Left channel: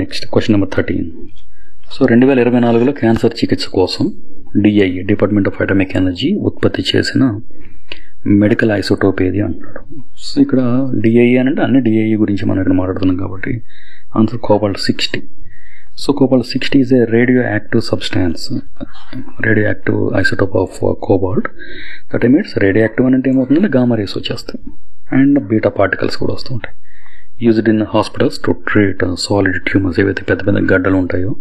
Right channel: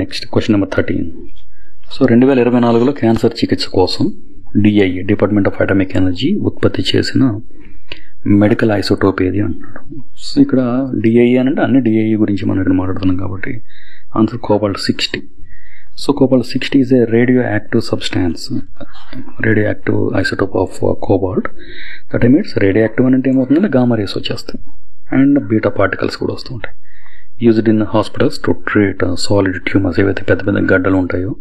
Next question number 13. So 2024లో cancer చికిత్స కోసం DIA department of atomic energy ఉత్పత్తి చేసిన మెడికల్ ఐసోటోప్ ఏది అంటున్నాడు. సో ఇక్కడ డిఐఏ అంటే అన్ని డిఐఏ గురించి మనం ఇక్కడ మాట్లాడుతున్నాం కాబట్టి answer cobalt sixty. So cobalt sixty is a radioactive substance, radioactive isotope of cobalt that emits radioactive అంటే ఏమవుతుందంటే గామా రేస్ వచ్చేస్తాయి అండ్ బీటా పార్టికల్స్ కూడా వస్తూ ఉంటాయి. Used in hospitals to treat solid tumours, ఏవైతే పెద్ద పెద్ద గడ్డలు ఉంటాయో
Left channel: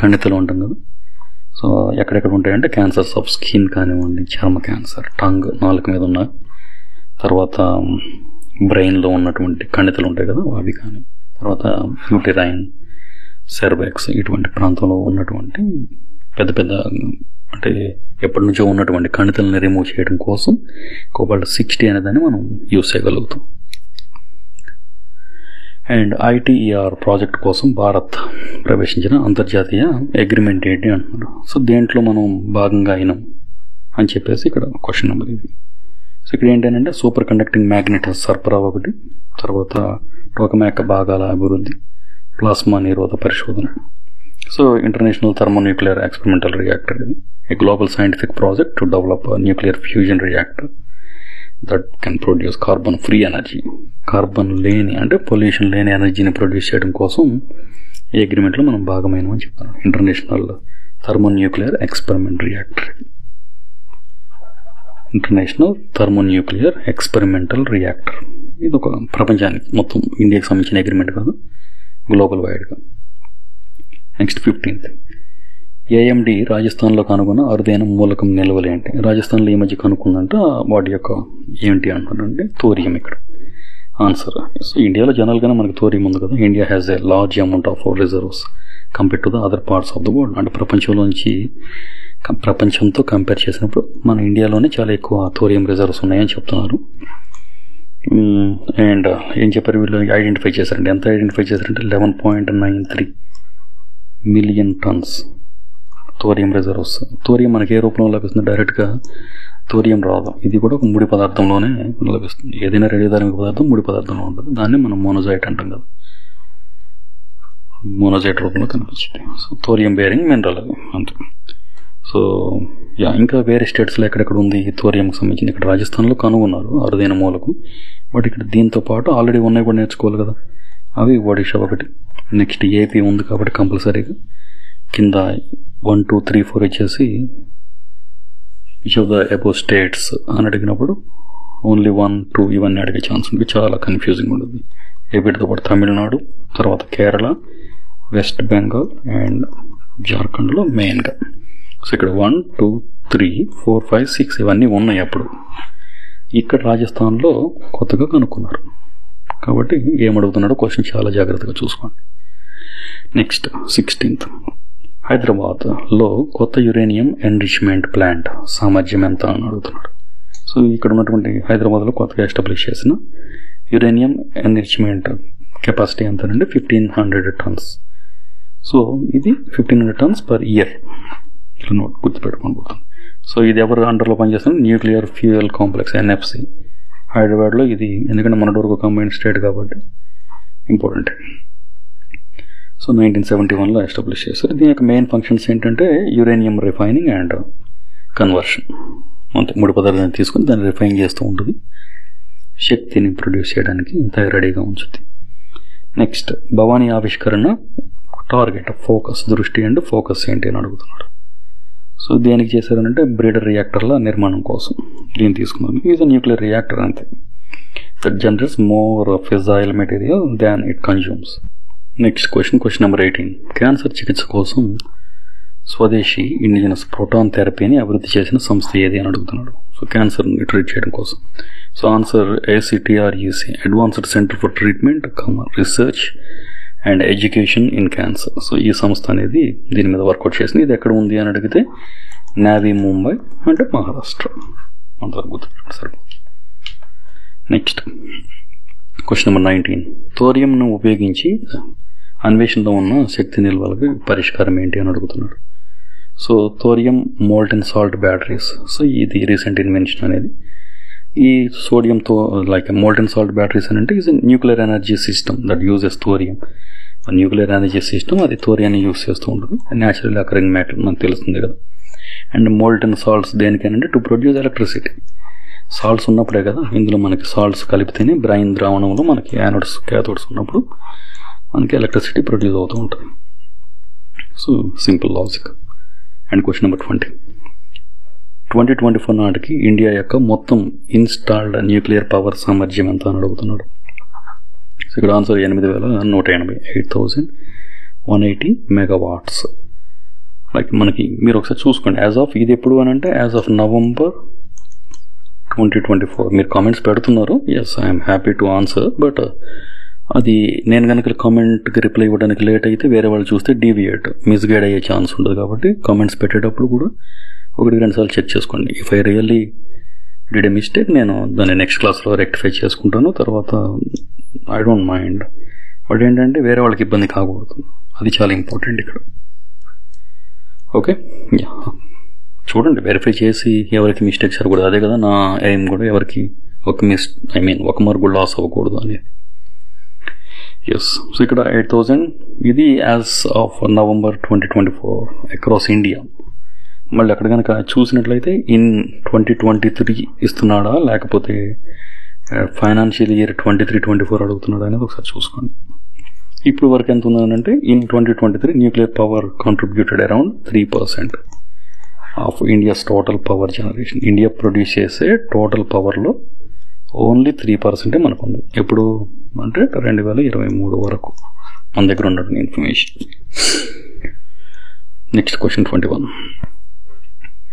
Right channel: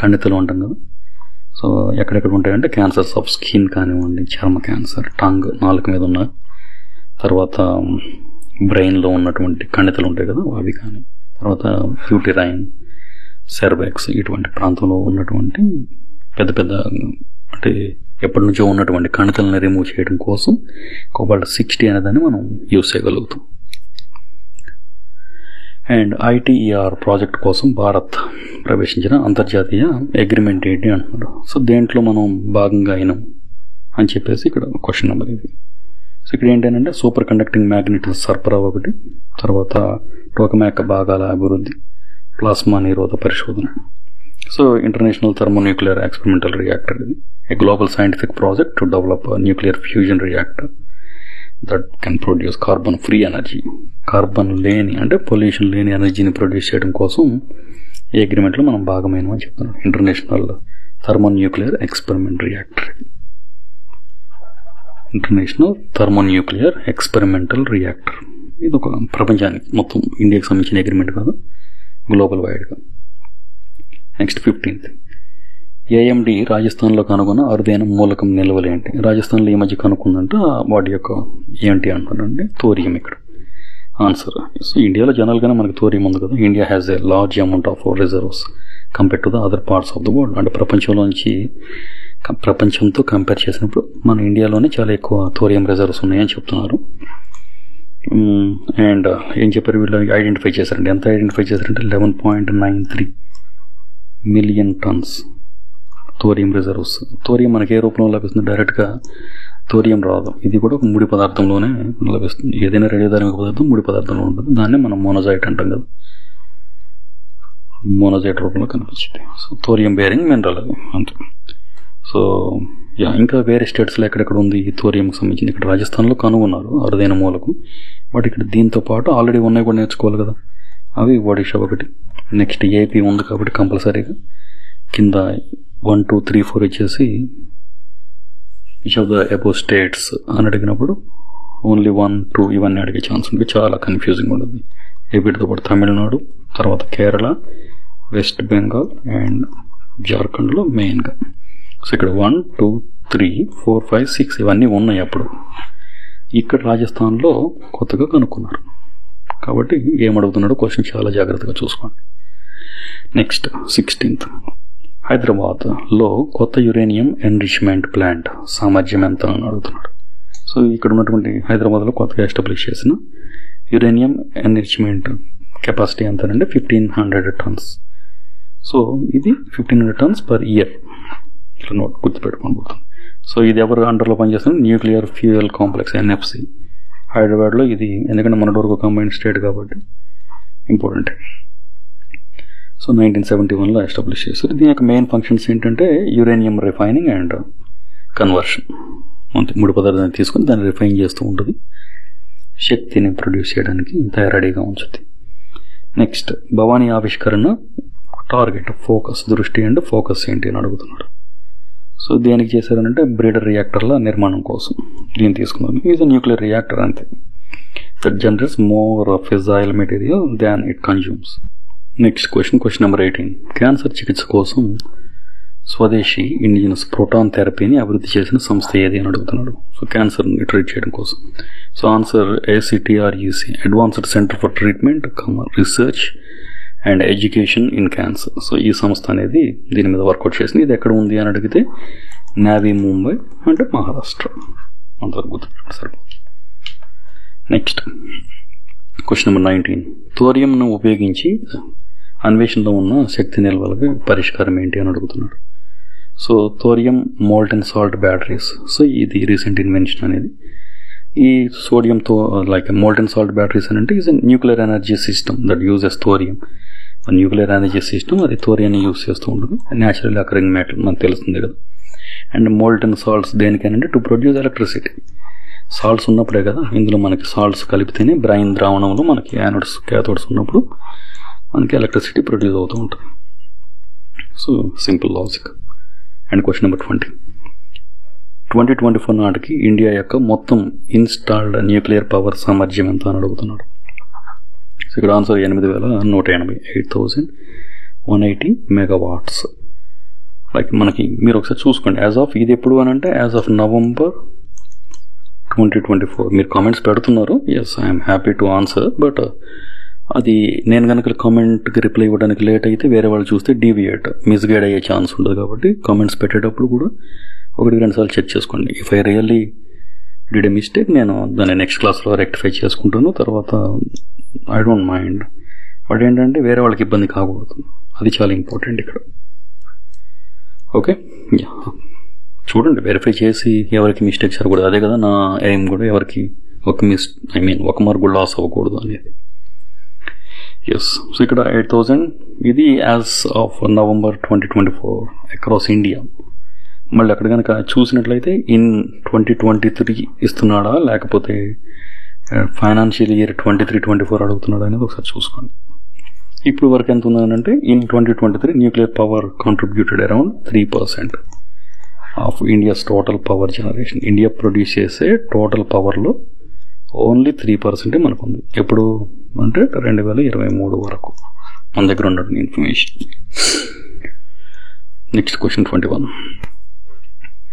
కణితలు ఉంటాం కదా. సో ఎక్కడెక్కడ ఉంటాయంటే క్యాన్సర్స్ ఆఫ్ స్కిన్ కానివ్వండి, చర్మ క్యాన్సర్, టంగ్ నాలుక మీద ఉన్న, తర్వాత బ్రెయిన్లో ఉన్నటువంటి కణితలు ఉంటాయి కదా అవి కానీ, తర్వాత యూటెరైన్, సెర్వెక్స్ ఇటువంటి ప్రాంతంలో ఉన్నటువంటి పెద్ద పెద్ద అంటే ఎప్పటి నుంచో ఉన్నటువంటి కణితలను రిమూవ్ చేయడం కోసం కోబాల్ట్-60 అనేదాన్ని మనం యూజ్ చేయగలుగుతాం. అండ్ ఐటీఈఆర్ ప్రాజెక్ట్ కోసం భారత్ ప్రవేశించిన అంతర్జాతీయ అగ్రిమెంట్ ఏంటి అంటున్నారు. సో దేంట్లో మనం భాగంగా అయినాం అని చెప్పేసి ఇక్కడ క్వశ్చన్ నెంబర్ ఇది. సో ఇక్కడ ఏంటంటే సూపర్ కండక్టింగ్ మ్యాగ్నెట్ సరఫరా ఒకటి, తర్వాత టోకమాక్ భాగాల అభివృద్ధి, ప్లాస్మా నిరోధ పరిశోధన. So international thermonuclear experimental reactor ఇది, a global scientific project to develop nuclear fusion reactor that can produce carbon free energy. Carbon లేని అంటే పొల్యూషన్ లేని ఎనర్జీని ప్రొడ్యూస్ చేయడం కోసం ఈ అగ్రిమెంట్లో మనం భాగమైనమని చెప్తున్నాం. International thermonuclear experiment reactor, international thermonuclear experimental reactor. ఇది ఒక ప్రపంచానికి మొత్తం ఇండియాకి సంబంధించిన అగ్రిమెంట్ కాదు, గ్లోబల్ వైడ్గా. Next 15th. ఏఎండి రాజస్థాన్లో కనుగొన్న అరుదైన మూలకం నిల్వలు ఏంటి? రాజస్థాన్లో ఈ మధ్య కనుక్కుందంటే వాటి యొక్క ఏంటి అంటున్నారంటే థోరియం ఇక్కడ ఆన్సర్. సో ఇండియాలో జనరల్గానే మనకి థోరియం ఉంది కదా. India has a large amount of reserves compare to the other parts of the world. అంటే ప్రపంచంతో కంపేర్ చేసినప్పుడు మన ఇండియాలోనే చాలా ఎక్కువ థోరియం రిజర్వ్స్ ఉన్నాయని చెప్తున్నారు. అండ్ ఏం చెప్పారు వీళ్ళు ఐడెంటిఫై చేశారంటే, ఎంత ఐడెంటిఫై చేశారంటే 11.93 million tons thorium reserves. Thorium మనకి ఏ రూపంలో లభిస్తుంది? డైరెక్ట్గా థోరియం రాదు, ఇది కూడా ఒక ముడి పదార్థంలోనే లభిస్తుంది. ఏదైనా రేడియోధార్మిక పదార్థం ముడి పదార్థంలో ఉంటుంది, దాన్ని మనం మోనోజైట్ అంటాం కదా, మోనోజైట్ రూపంలో కనిపించింది. సో థోరియం బేరింగ్ మినరల్ అది అంతే. సో ఇంకా వేరే స్టేట్స్లో ఎక్కడెక్కడ ఉంది ఈ థోరియంకి సంబంధించింది. ఇక్కడ రాజస్థాన్లో కనుగొన్నారు అరుదైన మూలకం, బట్ ఇక్కడ దీంతో పాటు ఆల్రెడీ ఉన్నాయి కూడా నేర్చుకోవాలి కదా. అవి ఒడిషా ఒకటి, నెక్స్ట్ ఏపీ ఉంది కాబట్టి కంపల్సరీగా కింద 1, 2, 3, 4 వచ్చేసి each of the above states అని అడిగినప్పుడు ఓన్లీ 1, 2 ఇవన్నీ అడిగే ఛాన్స్ ఉంటుంది. చాలా కన్ఫ్యూజింగ్ ఉంటుంది. ఏపీతో పాటు తమిళనాడు, తర్వాత కేరళ, వెస్ట్ బెంగాల్ అండ్ జార్ఖండ్లో మెయిన్గా. సో ఇక్కడ 1, 2, 3, 4, 5, 6 ఇవన్నీ ఉన్నాయి. అప్పుడు ఇక్కడ రాజస్థాన్లో కొత్తగా కనుక్కున్నారు కాబట్టి ఏమడుగుతున్నాడో క్వశ్చన్ చాలా జాగ్రత్తగా చూసుకోండి. Next 16th. హైదరాబాద్లో కొత్త యురేనియం ఎన్రిచ్మెంట్ ప్లాంట్ సామర్థ్యం ఎంత అని అడుగుతున్నాడు. సో ఇక్కడ ఉన్నటువంటి హైదరాబాద్లో కొత్తగా ఎస్టాబ్లిష్ చేసిన యురేనియం ఎన్రిచ్మెంట్ కెపాసిటీ ఎంతనంటే 1500 tons. సో ఇది 1500 tons పర్ ఇయర్. ఇట్లా నోట్ గుర్తుపెట్టుకోబోతుంది. సో ఇది ఎవరు అండర్లో పనిచేస్తున్నారు? న్యూక్లియర్ ఫ్యూయల్ కాంప్లెక్స్ ఎన్ఎఫ్సి హైదరాబాద్లో. ఇది ఎందుకంటే మన వరకు కంబైన్డ్ స్టేట్ కాబట్టి ఇంపార్టెంట్. సో 1971లో ఎస్టాబ్లిష్ చేశారు. దీని యొక్క మెయిన్ ఫంక్షన్స్ ఏంటంటే యురేనియం రిఫైనింగ్ అండ్ కన్వర్షన్. అంతే, ముడి పదార్థాన్ని తీసుకుని దాన్ని రిఫైన్ చేస్తూ ఉంటుంది, శక్తిని ప్రొడ్యూస్ చేయడానికి తయారీగా ఉంచుతుంది. నెక్స్ట్ భవానీ ఆవిష్కరణ టార్గెట్ ఫోకస్, దృష్టి అండ్ ఫోకస్ ఏంటి అని అడుగుతున్నాడు. సో దేనికి చేశారనంటే బ్రీడర్ రియాక్టర్ల నిర్మాణం కోసం దీన్ని తీసుకున్నాను. ఈజ్ అ న్యూక్లియర్ రియాక్టర్ అంతే, that generates more fissile material than it consumes. Next question number 18. Cancer చికిత్స కోసం స్వదేశీ ఇండిజినస్ ప్రోటాన్ థెరపీని అభివృద్ధి చేసిన సంస్థ ఏది అని అడుగుతున్నాడు. సో క్యాన్సర్ని ట్రీట్ చేయడం కోసం. So answer ACTRUC, advanced centre for treatment, research and education in cancer. So ఈ సంస్థ అనేది దీని మీద వర్కౌట్ చేసింది. ఇది ఎక్కడ ఉంది అని అడిగితే నావీ ముంబై అంటే మహారాష్ట్ర. అంతవరకు గుర్తుపెట్టుకోండి సరిపోతుంది. Next question number 19. థోరియంను ఉపయోగించి అన్వేషణలో ఉన్న శక్తి నిల్వలకి పరిష్కారం ఏంటి అని అడుగుతున్నాడు. So thorium molten salt batteries. So ఇది రీసెంట్ ఇన్వెన్షన్ అనేది. ఈ సోడియంతో లైక్ మోల్టెన్ సాల్ట్ బ్యాటరీస్ అని అంటే is a nuclear energy system that uses thorium nuclear energy system అది థోరియాన్ని యూస్ చేస్తూ ఉంటుంది. న్యాచురల్ అకరింగ్ మ్యాటర్ మనకు తెలుస్తుంది కదా. అండ్ మోల్టన్ సాల్ట్స్ దేనికైనా టు ప్రొడ్యూస్ ఎలక్ట్రిసిటీ. సాల్ట్స్ ఉన్నప్పుడే కదా, ఇందులో మనకి సాల్ట్స్ కలిపితేనే బ్రైన్ ద్రావణంలో మనకి యానోడ్స్ క్యాథోడ్స్ ఉన్నప్పుడు మనకి ఎలక్ట్రిసిటీ ప్రొడ్యూస్ అవుతూ ఉంటుంది. So simple logic. And question number 2024 నాటికి ఇండియా యొక్క మొత్తం ఇన్స్టాల్డ్ న్యూక్లియర్ పవర్ సామర్థ్యం ఎంత అని అడుగుతున్నాడు. సో ఇక్కడ ఆన్సర్ 8,180, 8,180 మెగావాట్స్. లైక్ మనకి మీరు ఒకసారి చూసుకోండి, యాజ్ ఆఫ్ ఇది ఎప్పుడు అని అంటే యాజ్ ఆఫ్ నవంబర్ 2024. మీరు కామెంట్స్ పెడుతున్నారు, yes I'm happy to answer. But అది నేను కనుక కామెంట్కి రిప్లై ఇవ్వడానికి లేట్ అయితే వేరే వాళ్ళు చూస్తే మిస్గైడ్ అయ్యే ఛాన్స్ ఉంటుంది. కాబట్టి కామెంట్స్ పెట్టేటప్పుడు కూడా 1-2 సార్లు చెక్ చేసుకోండి. If I really did a mistake నేను దాన్ని నెక్స్ట్ క్లాస్లో రెక్టిఫై చేసుకుంటాను. తర్వాత ఐ డోంట్ మైండ్. బట్ ఏంటంటే వేరే వాళ్ళకి ఇబ్బంది కాకూడదు, అది చాలా ఇంపార్టెంట్ ఇక్కడ. ఓకే, చూడండి వెరిఫై చేసి ఎవరికి మిస్టేక్స్ అవ్వకూడదు. అదే కదా నా ఎయిమ్ కూడా, ఎవరికి ఒక మార్క్ కూడా లాస్ అవ్వకూడదు అనేది. ఎస్, సో ఇక్కడ 8,000 ఇది as of November 2024 across India. మళ్ళీ అక్కడ కనుక చూసినట్లయితే ఇన్ 2023 ఇస్తున్నాడా లేకపోతే ఫైనాన్షియల్ ఇయర్ 23-24 అడుగుతున్నాడా అనేది ఒకసారి చూసుకోండి. ఇప్పుడు వరకు ఎంత ఉందంటే in 2023 nuclear power contributed around 3% of India's total power generation. India produce చేసే టోటల్ పవర్లో ఓన్లీ 3% మనకు ఉంది. ఎప్పుడు అంటే 2023 వరకు మన దగ్గర ఉన్నటువంటి ఇన్ఫర్మేషన్. Next question 21.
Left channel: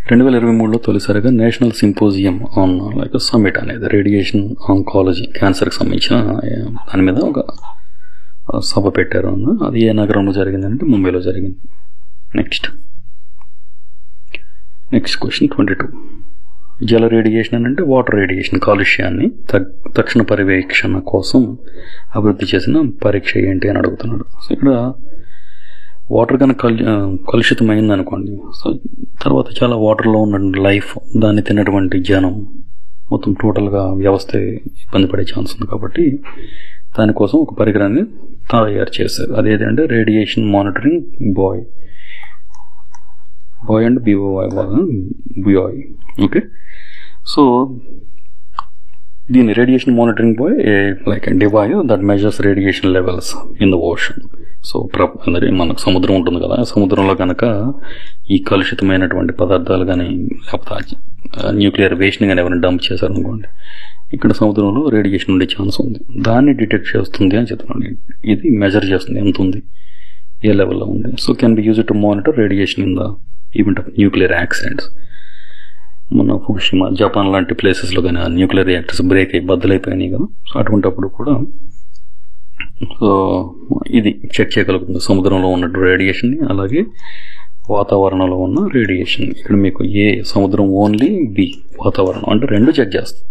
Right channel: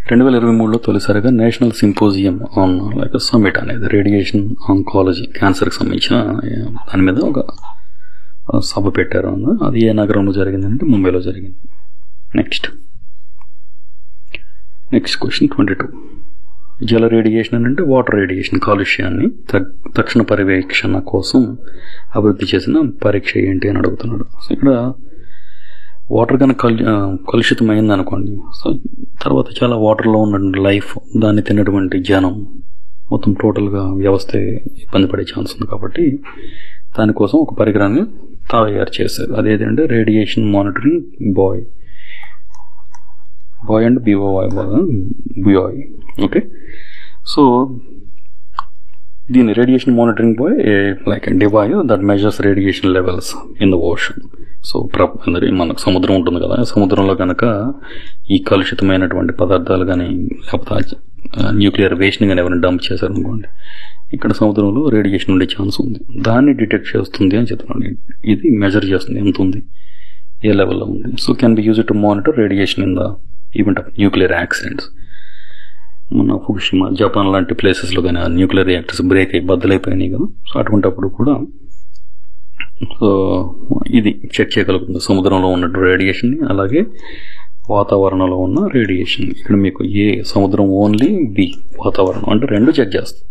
2023లో తొలిసారిగా national symposium on like summit అనేది రేడియేషన్ ఆంకాలజీ, క్యాన్సర్కి సంబంధించిన దాని మీద ఒక సభ పెట్టారు. అది ఏ నగరంలో జరిగిందంటే ముంబైలో జరిగింది. Next question 22. జల రేడియేషన్ అంటే వాటర్ రేడియేషన్, కాలుష్యాన్ని తక్షణ పర్యవేక్షణ కోసం అభివృద్ధి చేసిన పరీక్ష ఏంటి అని అడుగుతున్నాడు. సో ఇక్కడ వాటర్ కనుక కలుషితమైంది అనుకోండి, సో తర్వాత చాలా వాటర్లో ఉన్న లైఫ్, దాన్ని తిన్నటువంటి జనం, మొత్తం టోటల్గా వ్యవస్థ ఇబ్బంది పడే ఛాన్స్ ఉంది. కాబట్టి దానికోసం ఒక పరికరాన్ని తయారు చేశారు. అదేంటంటే radiation monitoring buoy and BOI. Okay, so దీని radiation monitoring buoy like device that measures radiation levels in the ocean. So మనకు సముద్రం ఉంటుంది కదా, సముద్రంలో కనుక ఈ కలుషితమైనటువంటి పదార్థాలు కానీ లేకపోతే న్యూక్లియర్ వేస్ట్ని కానీ ఎవరైనా డంప్ చేశారనుకోండి, ఇక్కడ సముద్రంలో రేడియేషన్ ఉండే ఛాన్స్ ఉంది. దాన్ని డిటెక్ట్ చేస్తుంది అని చెప్తున్నాను. ఇది మెజర్ చేస్తుంది ఎంత ఉంది, ఏ లెవెల్లో ఉంది. So can be use to monitor radiation in the event of nuclear accidents. మన ఫుకుషిమా, జపాన్ లాంటి ప్లేసెస్లో కానీ న్యూక్లియర్ రియాక్టర్స్ బ్రేక్ అయ్యి బద్దలైపోయినాయి కదా, సో అటువంటిప్పుడు కూడా సో ఇది చెక్ చేయగలుగుతుంది సముద్రంలో ఉన్న రేడియేషన్ని, అలాగే వాతావరణంలో ఉన్న రేడియేషన్. ఇక్కడ మీకు ఏ సముద్రం ఓన్లీ, బి వాతావరణం, అంటే రెండు చెక్ చేస్తుంది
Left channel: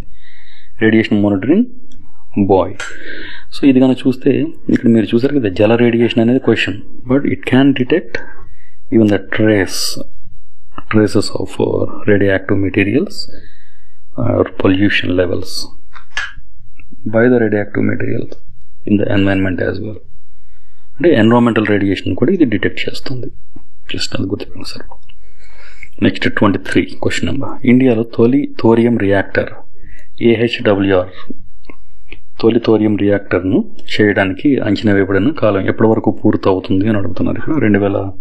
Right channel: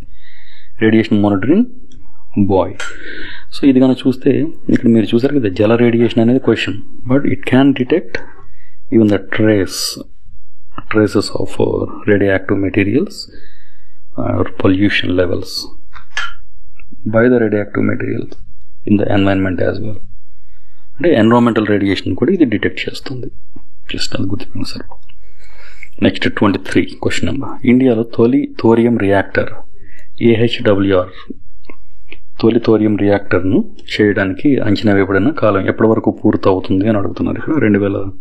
రేడియేషన్ మానిటరింగ్ బాయ్. సో ఇది కనుక చూస్తే ఇక్కడ మీరు చూసారు కదా, జల రేడియేషన్ అనేది question, but it can detect even the traces of radioactive materials or pollution levels by the radioactive materials in the environment as well. అంటే ఎన్విరాన్మెంటల్ రేడియేషన్ కూడా ఇది డిటెక్ట్ చేస్తుంది. జస్ట్ అది గుర్తుపెట్టుకోండి సార్. Next 23 question number. ఇండియాలో తొలి thorium reactor AHWR, తొలి thorium రియాక్టర్ను చేయడానికి అంచనా వేయబడిన కాలం ఎప్పటి వరకు పూర్తి అవుతుంది అని అడుగుతున్నారు. ఇక్కడ 2027.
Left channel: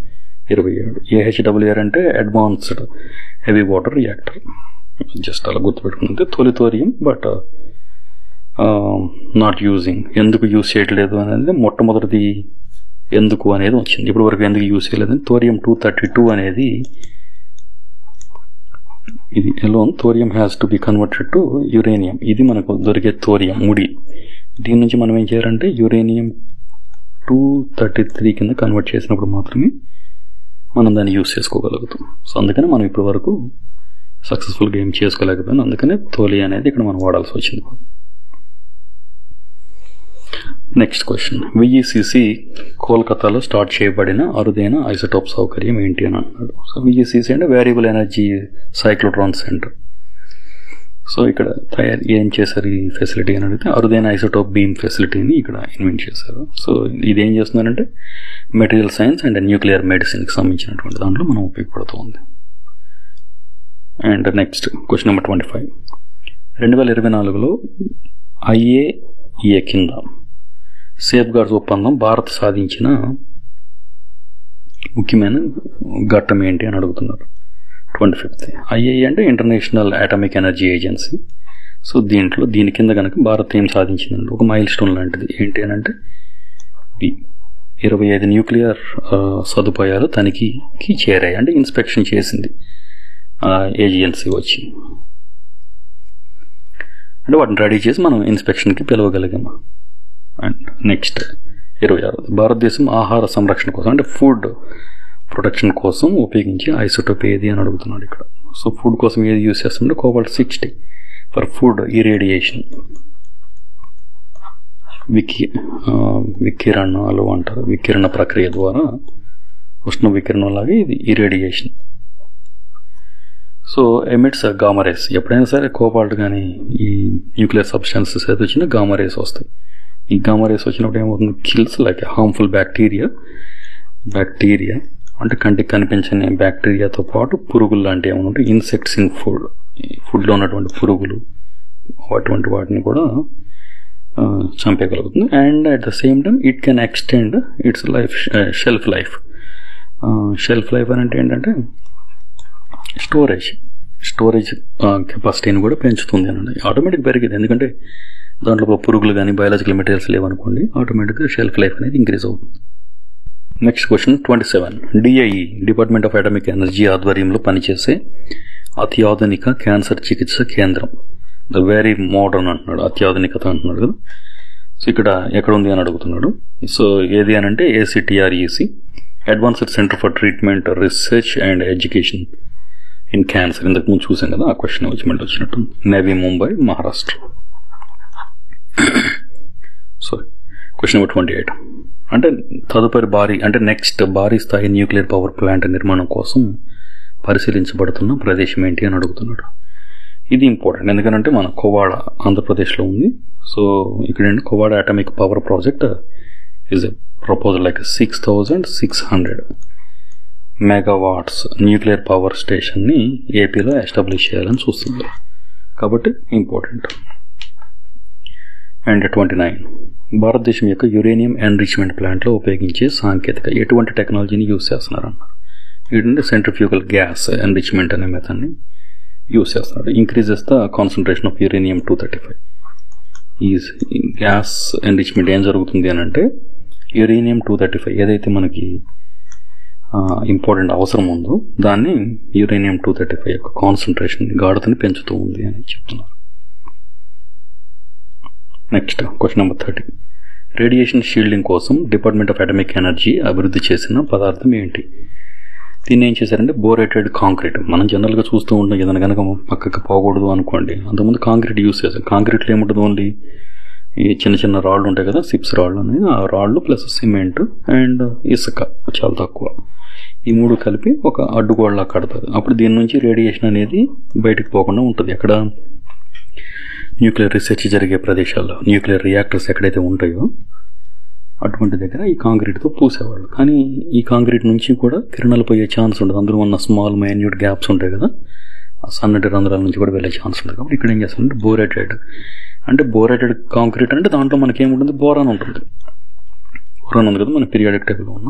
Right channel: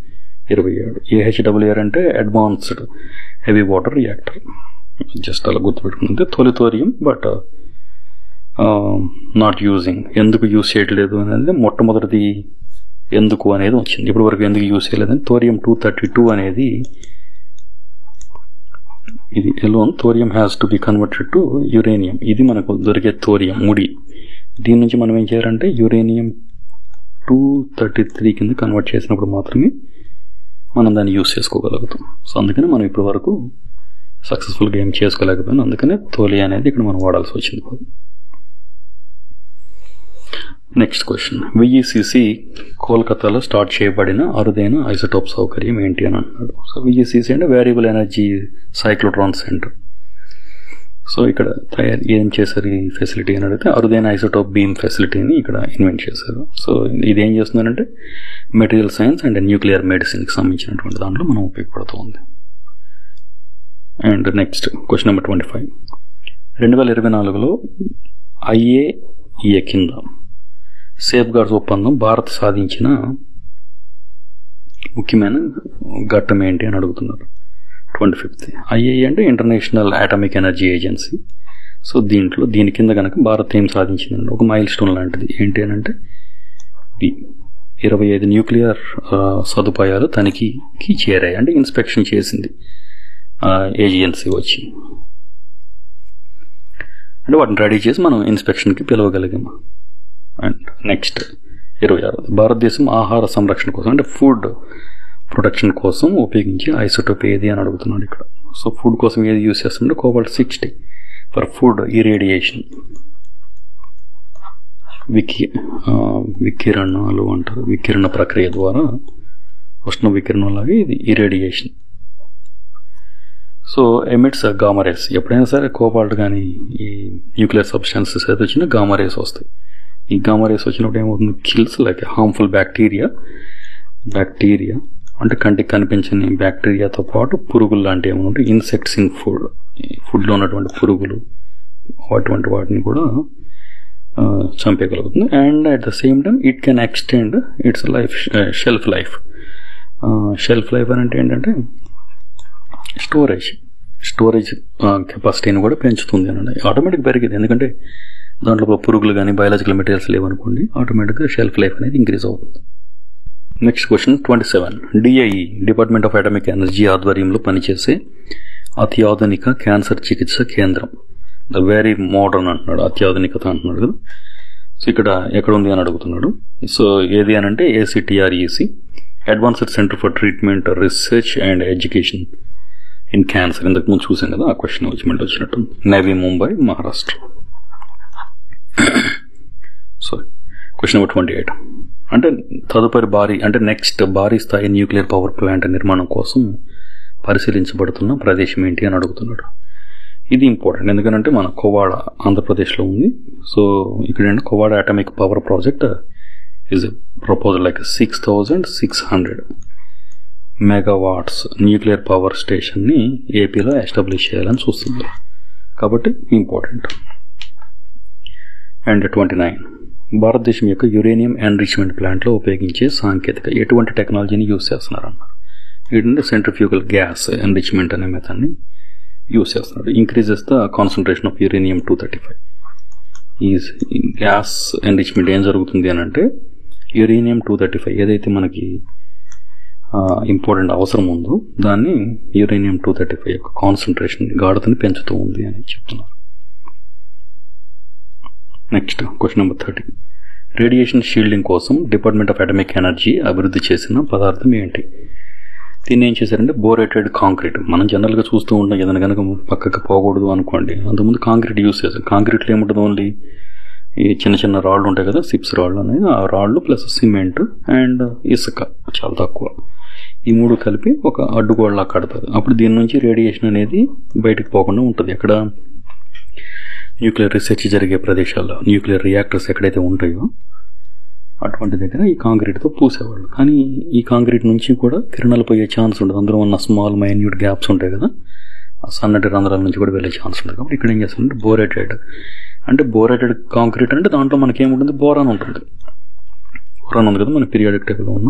AHWR అంటే advanced heavy water reactor. Just అలా గుర్తుపెట్టుకుంటే తొలి థోరియం, బట్ నాట్ యూజింగ్. ఎందుకు యూజ్ చేయట్లేదు అనేది మొట్టమొదటిది ఎందుకు అనేది వచ్చింది. ఇప్పటి వరకు ఎందుకు యూజ్ చేయలేదని థోరియం 232 అనేది ఇది alone thorium has to be converted to uranium. ఇది మనకు దొరికే థోరియం ముడి. దీని నుంచి మనం ఏం చేయాలంటే యురేనియం 233 కింద కన్వర్ట్ చేసినప్పుడు మాత్రమే మనం దాన్ని యూజ్ చేసుకోగలుగుతాం. సో అందుకని మనం ఇప్పటి వరకు సక్సెస్ఫుల్గా ఏం చేసుకోలేకపోయినా, అందుకనే తోలి అనేది ఇక్కడ మనం వాడాల్సి వచ్చింది. Next question. VECC కోల్కతాలో స్టార్ట్ చేయబడిన అరుదైన ఐసోటోప్ సౌకర్యం ఏంటి అని అన్నాడు. సో VECC అంటే variable energy cyclotron centre. So ఇక్కడ ఏం చేశారు ఈ ఫెసిలిటీ అని అడిగితే అరుదైన ఐసోటోప్ బీమ్ ఫెసిలిటీని ఇక్కడ ఇన్వెంట్ చేశారు. సో ఇది ఏం చేస్తున్నారంటే మెటీరియల్ సైన్స్ అండ్ న్యూక్లియర్ మెడిసిన్కి సంబంధించినటువంటి దాంట్లో మనం ఉపయోగపడుతూ ఉంది. And next question number 25. 2024లో IAEA కింద సేఫ్ గార్డ్స్ ఒప్పందం భారత్ సాధించిన ముఖ్యమైన ఘట్టం ఏంటి అని అడుగుతున్నారు. 25th IAEA అంటే international atomic energy agency. So దీని కింద కనుక భారత్ ఏం సాధించిందండి, ఒక మైల్ స్టోన్ లాంటిది ఏంటి అని అంటే 25 న్యూక్లియర్ సదుపాయాలు తనిఖీకి చేరాయి, అంటే ఇన్స్పెక్షన్ చేసింది ఏజెన్సీ వచ్చి, అంటే వాటిని రెడీ చేసి మనం ఇన్స్పెక్షన్కి పిలవగలిగాము. అండ్ నెక్స్ట్ 26 భారతదేశం ఆహార సంరక్షణ కోసం అంటే ఫుడ్ ప్రొటెక్షన్ కోసం ఉపయోగించే ఐసోటోప్ ఏది అని అడుగుతున్నాడు ఇక్కడ. సో ఫుడ్ కోసం ఏది యూజ్ చేస్తుంటే కోబాల్ట్-60 ఫర్ ఫుడ్ ఇరేడియేషన్, వికిరణాలు అంటారు, వికిరణ ప్రక్రియ ద్వారా ఉష్ణ వికిరణం లాగా ఇది irradiation. So emits gamma rays. ఎప్పుడైనా సరే కోబాల్ట్ కానీ ఈ న్యూక్లియర్ సబ్స్టాన్సెస్ అయితే వచ్చినా గామా రేస్ వస్తాయి. ఈ గామా రేస్ వచ్చినప్పుడు ఏమవుతుంది, కిల్స్ లైక్ హార్మ్ఫుల్ బ్యాక్టీరియా అంటే కంటికి కనిపించని బ్యాక్టీరియాతో పాటు పురుగులు లాంటివి ఏమైనా ఉంటే ఇన్సెక్ట్స్ ఇన్ ఫుడ్లో ఉన్నటువంటి పురుగులు అటువంటి వాటిని కూడా చంపేయగలుగుతుంది. And at the same time it can extend its shelf life అని అంటే ఏంటంటే స్టోరేజ్ కెపాసిటీని కూడా పెంచుతుంది అని ఆటోమేటిక్ పెరిగింది. ఎందుకంటే దాంట్లో పురుగులు కానీ బయాలజికల్ మెటీరియల్స్ లేవనుకోండి, ఆటోమేటిక్గా షెల్ఫ్ లైఫ్ అనేది ఇంక్రీజ్ అవుతుంది. Next question 27. DIE department of atomic energy ఆధ్వర్యంలో పనిచేసే అత్యాధునిక క్యాన్సర్ చికిత్స కేంద్రం, ద వెరీ మోడర్న్ అంటున్నాడు, అత్యాధునికత అంటున్నాడు కదా. సో ఇక్కడ ఎక్కడ ఉంది అని అడుగుతున్నాడు. సో ఏది అని అంటే ACTREC, advanced centre for treatment research and education in cancer. ఇంతకుముందు చూసాం కదా, ఆ క్వశ్చన్ వచ్చినట్టు. Navi Mumbai, Maharashtra. So question number 28. అంటే తదుపరి నెక్స్ట్ భారీ స్థాయి న్యూక్లియర్ పవర్ ప్లాంట్ నిర్మాణం కోసం పరిశీలించబడుతున్న ప్రదేశం ఏంటి అని అడుగుతున్నాడు. ఇది ఇంపార్టెంట్, ఎందుకంటే మన కోవాడ ఆంధ్రప్రదేశ్లో ఉంది. సో ఇక్కడ Kovvada atomic power project is a proposal like 6600 megawatts nuclear power స్టేషన్ని ఏపీలో ఎస్టాబ్లిష్ చేయాలని చూస్తుంది, కాబట్టి ఇంపార్టెంట్. అండ్ 29. భారతదేశం యొక్క యురేనియం ఎన్రిచ్మెంట్ ప్లాంట్లో ఉపయోగించే సాంకేతిక ఎటువంటి టెక్నాలజీని యూజ్ చేస్తున్నారు అన్నారు. ఏంటంటే సెంట్రిఫ్యూగల్ గ్యాస్ ఎన్రిచ్మెంట్ అనే మెథడ్ని యూజ్ చేస్తున్నారు. Increases the concentration of uranium 235. ఈ గ్యాస్ ఎన్రిచ్మెంట్ ఏం జరుగుతుంది అని అంటే యురేనియం 235 ఏదైతే మనకి ఇంపార్టెంట్ అవసరం ఉందో దాన్ని యురేనియం 235 యొక్క కాన్సన్ట్రేషన్ గాఢతని పెంచుతూ ఉంది అని చెప్తున్నారు. Next question number 30. Radiation shielding కోసం డిపార్ట్మెంట్ ఆఫ్ అటామిక్ ఎనర్జీ అభివృద్ధి చేసిన పదార్థం ఏంటి? దీన్ని ఏం చేశారంటే బోరేటెడ్ కాంక్రీట్. మనం జనరల్గా చూస్తూ ఉంటాం, ఏదైనా కనుక పక్కకి పోకూడదు అనుకోండి, అంతకుముందు కాంక్రీట్ యూజ్ చేస్తాం. కాంక్రీట్లో ఏముంటుంది, ఓన్లీ ఈ చిన్న రాళ్ళు ఉంటాయి కదా, సిప్స్ రాళ్ళు అనేది, ఆ రాళ్ళు ప్లస్ సిమెంట్ అండ్ ఇసుక చాలా తక్కువ, ఈ మూడు కలిపి ఒక అడ్డుగోడలా కడతారు. అప్పుడు దీని నుంచి రేడియేషన్ అనేది బయటకు పోకుండా ఉంటుంది. ఎక్కడ న్యూక్లియర్ రీసెర్చ్ జరిగే ప్రదేశాల్లో, న్యూక్లియర్ రియాక్టర్స్ ఎక్కడైతే ఉంటాయో అటువంటి దగ్గర ఈ కాంక్రీట్తో పూసేవాళ్ళు. కానీ ఈ కాంక్రీట్ నుంచి కూడా కిరణాలు పోయే ఛాన్స్ ఉంటుంది. అందులో ఉన్న స్మాల్ మైన్యూట్ గ్యాప్స్ ఉంటాయి కదా, ఆ సన్నటి రంధ్రాల నుంచి కూడా వెళ్ళే ఛాన్స్ ఉంటుంది. కాబట్టి ఇక్కడ ఏం చేస్తారంటే బోరేటెడ్ కాంక్రీట్ అంటే దాంట్లో మనకేముంటుంది, బోరాన్ ఉంటుంది. బోరాన్ ఉంది కదా మన పీరియాడిక్ టేబుల్లో ఉన్న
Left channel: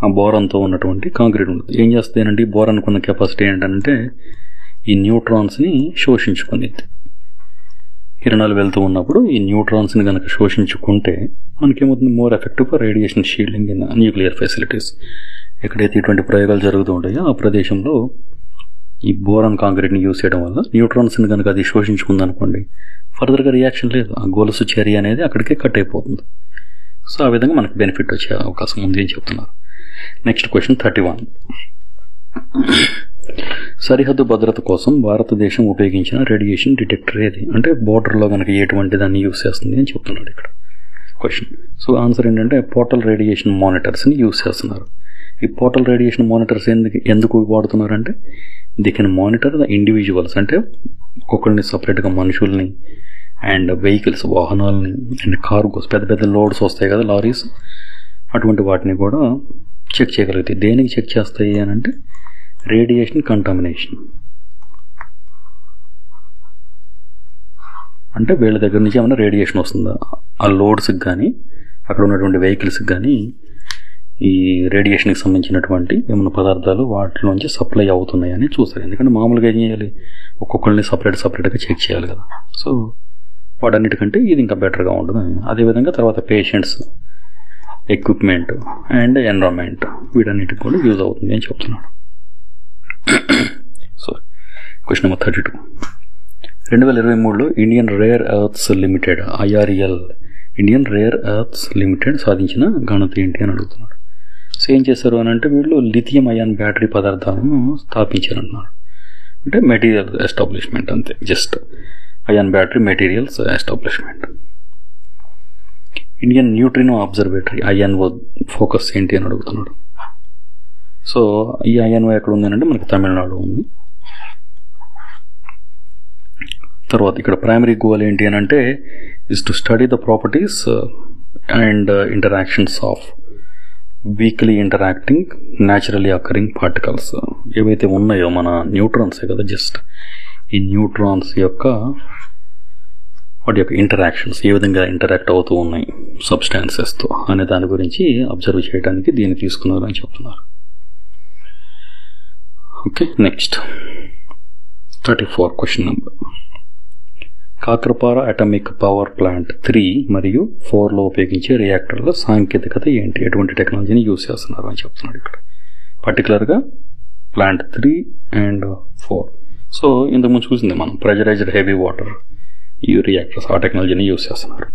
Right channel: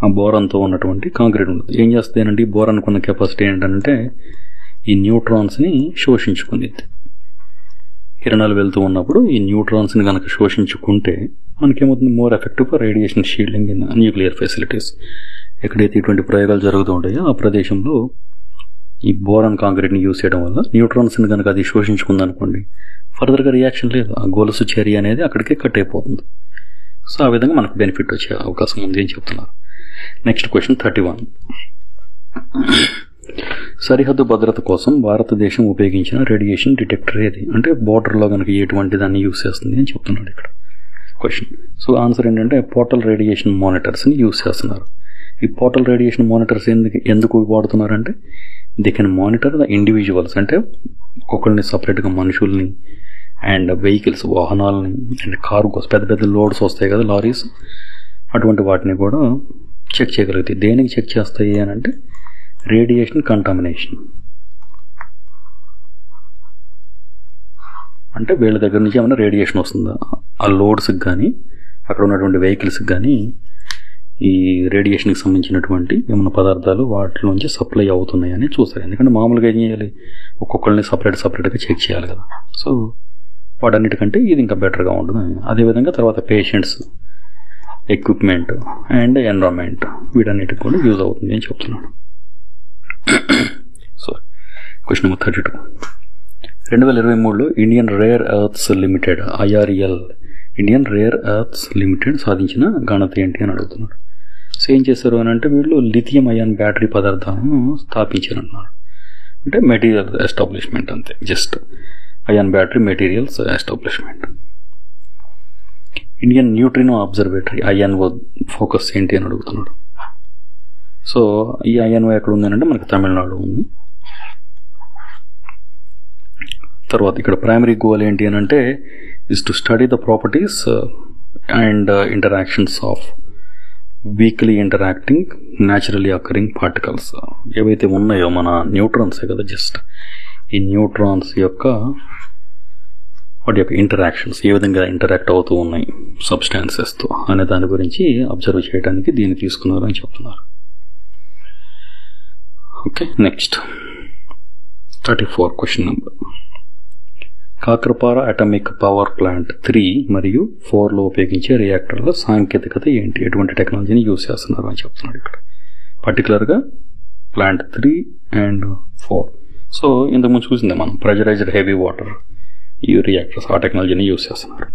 ఆ బోరాన్తో ఉన్నటువంటి కాంక్రీట్ ఉంటుంది. ఏం చేస్తుంది అంటే ఈ బోరాన్కి ఉన్న కెపాసిటీ ఏంటంటే ఈ న్యూట్రాన్స్ని శోషించుకునేది. కిరణాలు వెళ్తూ ఉన్నప్పుడు ఈ న్యూట్రాన్స్ని కనుక శోషించుకుంటే మనకేమవుతుంది, more effective for radiation shielding in nuclear facilities. ఎక్కడైతే ఇటువంటి ప్రయోగాలు జరుగుతూ ఉంటాయో ఆ ప్రదేశంలో ఈ బోరాన్ కాంక్రీట్ని యూజ్ చేయడం వల్ల న్యూట్రాన్స్ని కనుక అది శోషించుకుందనుకోండి, ఫర్దర్గా రియాక్షన్ లేదు, ఆ గొలుసు చర్య అనేది అక్కడికే కట్ అయిపోతుంది. సో ఆ విధంగా మనకు బెనిఫిట్ వచ్చే అవకాశం ఉంది అని చెప్తున్నారు. Next question 31. సరిహద్దు భద్రత కోసం భారతదేశం ఉపయోగించిన రేడియేషన్ డిటెక్టర్ ఏది? అంటే బోర్డర్లో కనుక ఎటువంటి దాన్ని యూజ్ చేస్తుంది అని చెప్తున్నాడు ఇక్కడ క్వశ్చన్. సో ఆన్సర్ ఏంటంటే పోర్టల్ రేడియేషన్ మానిటర్స్ని యూజ్ చేస్తున్నారు. ఈ పోర్టల్ రేడియేషన్ మానిటర్స్ ఎందుకు వాడుతున్నారంటే they can monitor the individuals, అంటే ఒక్కొక్కరిని సపరేట్గా మనుషుల్ని అండ్ వెహికల్స్, వాహనాలని అండ్ కార్గోస్, పెద్ద పెద్ద లోడ్స్ వస్తాయి కదా, లారీస్, అటువంటి వాటిని కూడా చెక్ చేయగలుగుతాయి. దేనికి చెక్ చేస్తాయి అని అంటే రేడియేషన్ కంటామినేషన్. అంటే వీళ్ళ దగ్గర నుంచి ఏమైనా రేడియేషన్ వస్తుందా, ఆ లోడ్స్కి కానీ అక్కడ ఉన్నటువంటి వెహికల్స్కి కానీ ఈ రేడియేషన్కి సంబంధించినటువంటి ఏమైనా పదార్థాలు వాటిలోంచి సప్లై అవుతున్నాయని చూస్తారు. ఎందుకంటే మామూలుగా ఏం చేయాలి, ఒక్కొక్కరిని సపరేట్గా చెక్ చేయాలి కదా. సో వాటన్నిటికంటే ఇది ఇంకా బెటర్గా ఉంటుంది. అదేవిధంగా తర్వాత పేషెంట్స్, ఎక్విప్మెంట్ అండ్ ఎన్విరాన్మెంట్, వీటన్నిటికి కూడా యూజ్ అవుతుంది అని చెప్తున్నాడు. So question number 32. 2023లో Indian Rare Earths Limited IREL Indian Rare Earths Limited సాధించిన ఘనత ఏంటి అని అడుగుతున్నాడు. సో ఏం చేశారు అని అంటే వీళ్ళు లిథియం అయాన్ బ్యాటరీ పదార్థాలను స్థాపించారన్నారు. అంటే మెటీరియల్ ఎస్టాబ్లిష్మెంట్ అంతే, just ion battery materials establishment. Indian neutrino observatory INO focus ఏంటి అని అడుగుతున్నాడు. సో ఈ INO ఎక్కడ ఉంది అంటే మనకి తమిళనాడు ఉంది. తర్వాత ఇక్కడ ప్రైమరీ గోల్ ఏంటి అని అంటే is to study the properties and interactions of weekly interacting naturally occurring particles. ఏవైతే ఉన్నాయో మన న్యూట్రాన్సే కదా, జస్ట్ ఈ న్యూట్రాన్స్ యొక్క వాటి యొక్క ఇంటరాక్షన్స్ ఏ విధంగా ఇంటరాక్ట్ అవుతూ ఉన్నాయి సబ్స్టాన్సెస్తో అనే దాని గురించి అబ్జర్వ్ చేయడానికి దీన్ని తీసుకున్నారు అని చెప్తున్నారు. Okay, next 34 question number. Kakrapar atomic power plant 3 మరియు 4లో ఉపయోగించే రియాక్టర్ల సాంకేతికత ఏంటి, ఎటువంటి టెక్నాలజీని యూజ్ చేస్తున్నారు అని చెప్తున్నాడు ఇక్కడ. పర్టికులర్గా ప్లాంట్ 3 అండ్ 4. సో ఇంతకుముందు చూసిందే మనం ప్రెజరైజ్డ్ హెవీ వాటర్ ఈ రియాక్టర్స్, ఆ టెక్నాలజీని యూజ్ చేస్తున్నారు.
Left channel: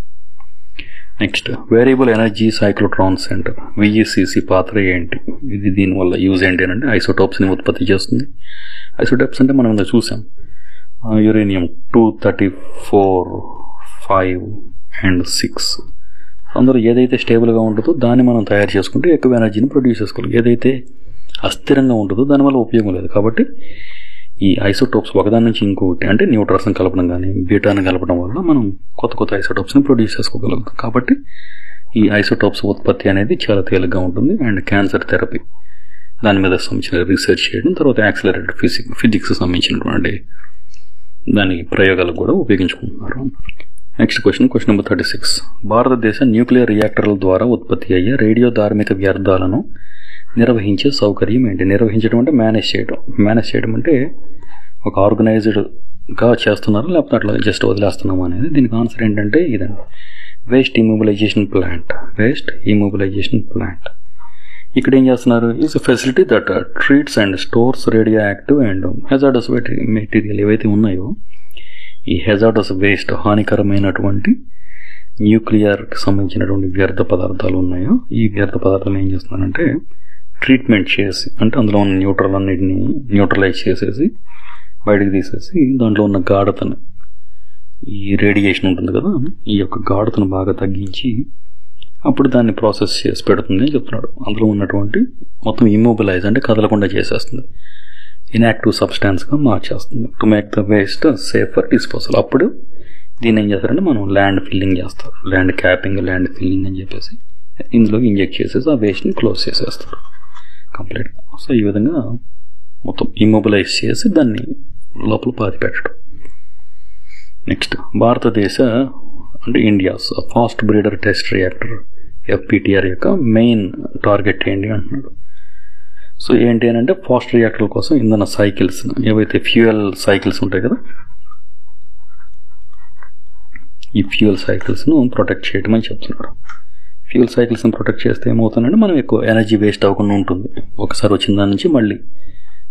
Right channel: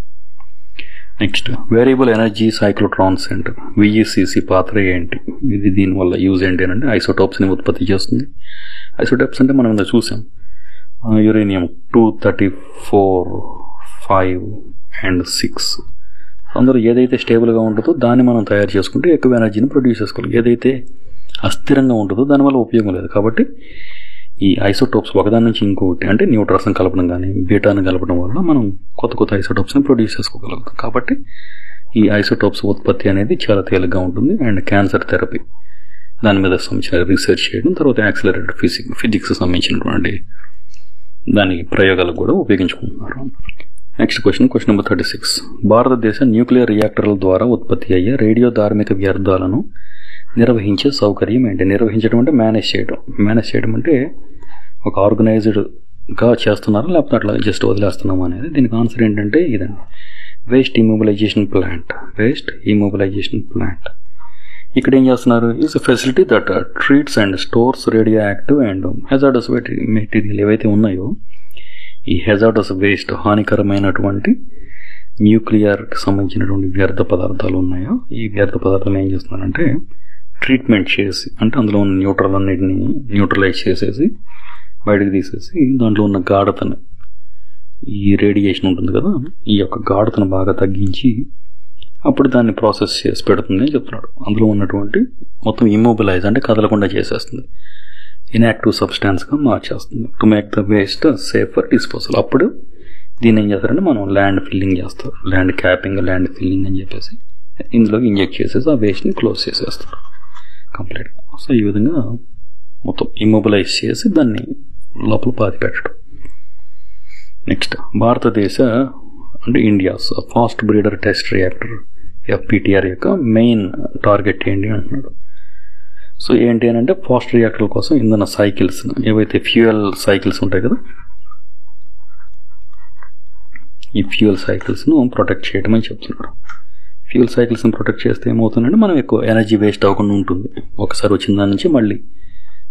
Next variable energy cyclotron centre VECC పాత్ర ఏంటి, ఇది దీనివల్ల యూజ్ ఏంటి అంటే ఐసోటోప్స్ని ఉత్పత్తి చేస్తుంది. ఐసోటోప్స్ అంటే మనం ఇంత చూసాం, యురేనియం 234, 5 అండ్ 6. అందులో ఏదైతే స్టేబుల్గా ఉంటుందో దాన్ని మనం తయారు చేసుకుంటే ఎక్కువ ఎనర్జీని ప్రొడ్యూస్ చేసుకోవాలి. ఏదైతే అస్థిరంగా ఉంటుందో దానివల్ల ఉపయోగం లేదు. కాబట్టి ఈ ఐసోటోప్స్ ఒకదాని నుంచి ఇంకొకటి అంటే న్యూట్రాన్స్ని కలపడం కానీ బీటాని కలపడం వల్ల మనం కొత్త కొత్త ఐసోటోప్స్ని ప్రొడ్యూస్ చేసుకోగలుగుతాం. కాబట్టి ఈ ఐసోటోప్స్ ఉత్పత్తి అనేది చాలా తేలిగ్గా ఉంటుంది. అండ్ క్యాన్సర్ థెరపీ దాని మీద సంబంధించిన రీసెర్చ్ చేయడం, తర్వాత యాక్సిలరేటెడ్ ఫిజిక్స్ సంబంధించినటువంటి దాని ప్రయోగాలకు కూడా ఉపయోగించుకుంటున్నారు. Next question number 36. భారతదేశ న్యూక్లియర్ రియాక్టర్ల ద్వారా ఉత్పత్తి అయ్యే రేడియో ధార్మిక వ్యర్థాలను నిర్వహించే సౌకర్యం ఏంటి? నిర్వహించడం అంటే మేనేజ్ చేయడం అంటే ఒక ఆర్గనైజ్డ్గా చేస్తున్నారు లేకపోతే అట్లా జస్ట్ వదిలేస్తున్నాము అనేది. దీనికి ఆన్సర్ ఏంటంటే ఇదండి, వేస్ట్ ఇమొబిలైజేషన్ ప్లాంట్. ఇక్కడ ఏం చేస్తున్నారు, is a facility that treats and stores radio active and hazardous material ఏవైతే ఉన్నాయో ఈ హెజార్డస్ వేస్ట్, హానికరమైనటువంటి న్యూక్లియర్కి సంబంధించినటువంటి వ్యర్థ పదార్థాలు ఉన్నాయో ఈ వ్యర్థ పదార్థాలు ఏం చేస్తున్నారంటే ట్రీట్మెంట్ చేసి, అంటే అందులో ఉన్న న్యూట్రల్ అన్నిటిని న్యూట్రలైజ్ చేసేసి బయటకు తీసేసి దాంట్లో ఉన్న గాఢతను, ఈ రేడియేషన్ ఉంటుంది కదా ఈ యొక్క గాఢతను బాగా తగ్గించి అప్పుడు దాన్ని ప్రాసెస్ చేసి పెడుతుంది అని చెప్తున్నాడు. అందులో ఉన్నటువంటి మొత్తం ఇమ్మొబిలైజ్ అంటే కదలకుండా చేసేస్తుంది, ఇన్యాక్టివ్ సబ్స్టాన్స్గా మార్చేస్తుంది. To make the waste safe for disposal. అప్పుడు దీన్ని ఏం చేస్తారంటే మనం ల్యాండ్ ఫిల్లింగ్ చేస్తారు, ల్యాండ్ క్యాపింగ్, ల్యాండ్ ఫిల్లింగ్ అని చెప్పేసి ఇందులోకి ఇంజెక్ట్ చేసేసి ఆ వేస్ట్ని క్లోజ్ చేసేస్తారు కంప్లీట్గా. సో ఈ విధంగా మొత్తం ఇమ్మొబిలైజ్ చేసి దాన్ని లోపల పాతి పెట్టడం. నెక్స్ట్ భారతదేశ అంటే India's fast breeder test reactor FPTR యొక్క మెయిన్ టార్గెట్ ఏంటి అంటున్నాడు. సో ఏంటి అని అంటే ఫాస్ట్ రియాక్టర్ల కోసం ఇంధన సైకిల్స్, ఏవైతే ఫ్యూయల్ సైకిల్స్ ఉంటాయి కదా ఈ ఫ్యూయల్ సైకిల్స్ను ప్రొటెక్ట్ చేయడం అని చెప్తున్నాడు. ఫ్యూయల్ సైకిల్స్ని ప్రొటెక్ట్ చేస్తే ఏమవుతుందంటే మనం ఎక్కువ ఎనర్జీ వేస్ట్ అవ్వకుండా ఉంటుంది. ఒకసారి వచ్చిన దాని నుంచి మళ్ళీ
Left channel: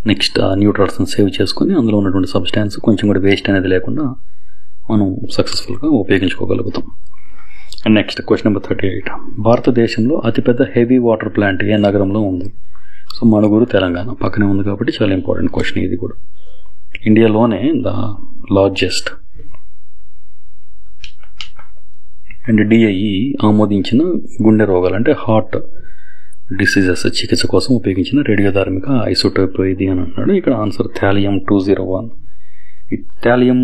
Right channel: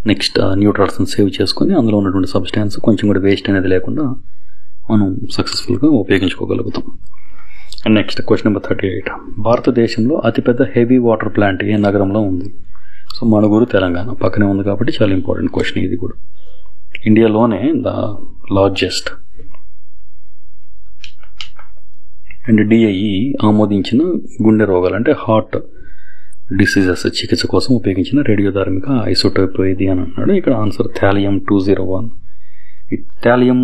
నెక్స్ట్ న్యూట్రాన్స్ని సేవ్ చేసుకొని అందులో ఉన్నటువంటి సబ్స్టాన్స్ కొంచెం కూడా వేస్ట్ అనేది లేకుండా మనం సక్సెస్ఫుల్గా ఉపయోగించుకోగలుగుతాం. And next question number 38. భారతదేశంలో అతిపెద్ద హెవీ వాటర్ ప్లాంట్ ఏ నగరంలో ఉంది? సో మణుగూరు, తెలంగాణ పక్కనే ఉంది కాబట్టి చాలా ఇంపార్టెంట్ క్వశ్చన్ ఇది కూడా. ఇండియాలోనే ద లార్జెస్ట్ అండ్ DIE ఆమోదించిన గుండె రోగాలు అంటే హార్ట్ డిసీజెస్ చికిత్స కోసం ఉపయోగించిన రేడియోధార్మిక ఐసోటోప్ ఇది అని అంటున్నాడు. ఇక్కడ ఆన్సర్ థాలియం 201. ఈ థాలియం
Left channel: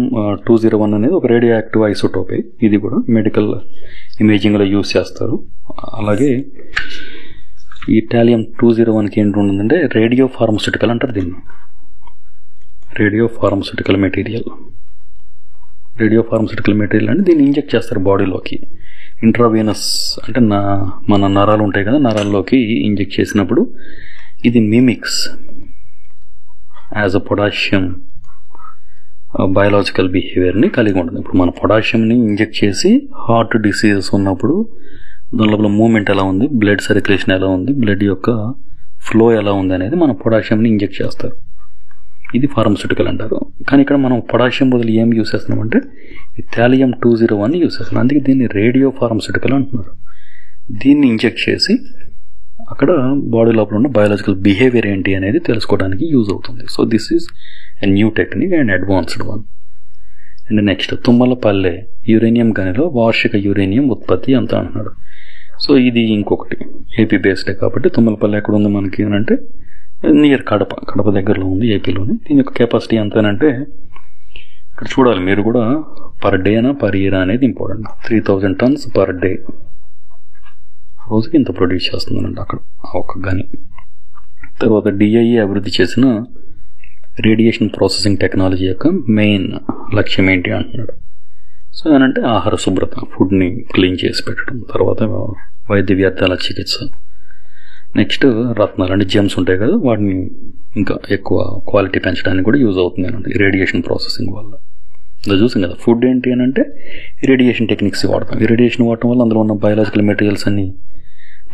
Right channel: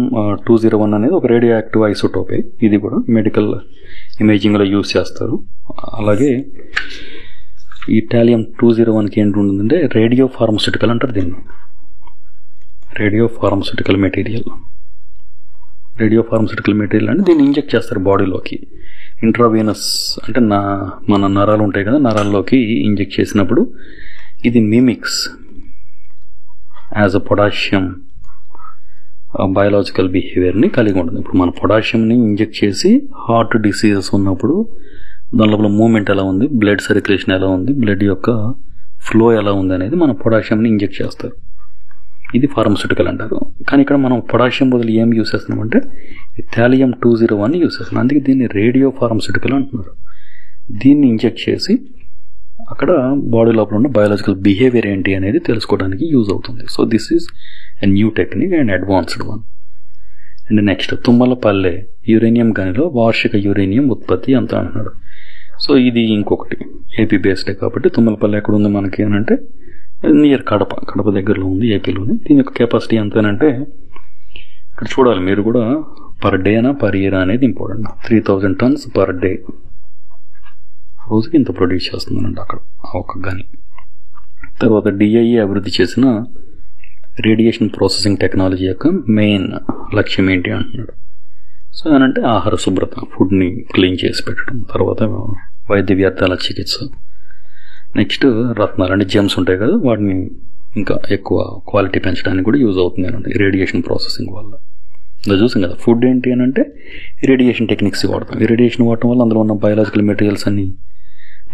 201 అనేది ఒక రేడియో యాక్టివ్ ఐసోటోపే. ఇది కూడా మెడికల్ ఇమేజింగ్లో యూజ్ చేస్తారు. అలాగే ఈ థాలియం 201కి ఏంటి ఉంటుందంటే రేడియో ఫార్మస్యూటికల్ అంటారు దీన్ని. రేడియో ఫార్మస్యూటికల్ మెటీరియల్ అంటే దీన్ని ఇంజెక్ట్ చేస్తారు బాడీలోకి. ఇంట్రావీనస్ అంటే మన నరాలు ఉంటాయి కదా, నరాల్లోకి ఇంజెక్ట్ చేసినప్పుడు ఇది mimics as a potassium biological బిహేవియర్ని కలిగి ఉంటుంది. ఇప్పుడు మన పొటాషియంని ఇంజెక్ట్ చేసి హార్ట్ డిసీజెస్ ఉన్నప్పుడు దాని లోపల మూమెంట్ ఎలా ఉంది, బ్లడ్ సర్క్యులేషన్ ఎలా ఉంది, బ్లడ్ యొక్క ఫ్లో ఎలా ఉంది అనేది మన పొటాషియంని ఇంజెక్ట్ చేస్తారు. ఇది ఫార్మస్యూటికల్ అంటారు. కానీ ఇక్కడ మనం పొటాషియం బదులు ఏం యూస్ చేస్తున్నామంటే ఈ థాలియం 201 యూస్ చేస్తున్నాం. అందుకే దీన్ని రేడియో ఫార్మస్యూటికల్ అంటున్నారు. దీన్ని ఇంజెక్ట్ చేసి అక్కడ బాడీ లోపల ఉన్న బయాలజికల్ బిహేవియర్ ఏంటి అనేది తెలుసుకోవడానికి యూజ్ అవుతుంది. So this is a new technique and advanced one. And next Tummalapalle uranium గనిలో వార్షిక యురేనియం ఉత్పత్తి ఎంత అంటున్నాడు. సో ఇది ఇంకొకటి ఏపీ బేస్డే కాబట్టి తుమ్మలపల్లె ఎక్కడ ఉంది మనకి అని అంటే నియర్ కడప దగ్గరలో ఉంది ఏపీలోని. దీని యొక్క కెపాసిటీ ఎంతనంటే ఇక్కడ చూడాలి మీరు కూడా, పర్ డేనా పర్ ఇయర్ అనేది ఇంపార్టెంట్. 3000 tons పర్ డే, రోజుకి ఇంత ప్రొడ్యూస్ చేస్తుందండి అక్కడ ఒక గని. తర్వాత డిఐఈ అభివృద్ధి చేసిన రేడియేషన్ ప్రాసెసింగ్ టెక్నాలజీ యొక్క మెయిన్ లక్ష్యం ఏంటి అంటున్నాడు. సో ఏనంటే ఆహార శుభ్రత, ఫుడ్ని క్లీన్ చేసి పెట్టడం, తర్వాత వైద్య వ్యర్థాల చికిత్స, నెక్స్ట్ రత్నాలు అంటే జెమ్స్ ఉంటాయి కదా, వాటిని ఇంకా ఎక్కువ క్వాలిటీ పెంచడానికి కూడా యూజ్ అవుతుంది అంటే రేడియేషన్ ప్రాసెసింగ్ వల్ల. ఇలా చూసాం కదా, ఫుడ్ ఏంటి అని అంటే రేడియేషన్ టెక్నిక్స్ వాడతాం. ఈ రేడియేషన్ వాడటం వల్ల అందులో ఉన్న బయాలజికల్ మెటీరియల్స్ అన్నీ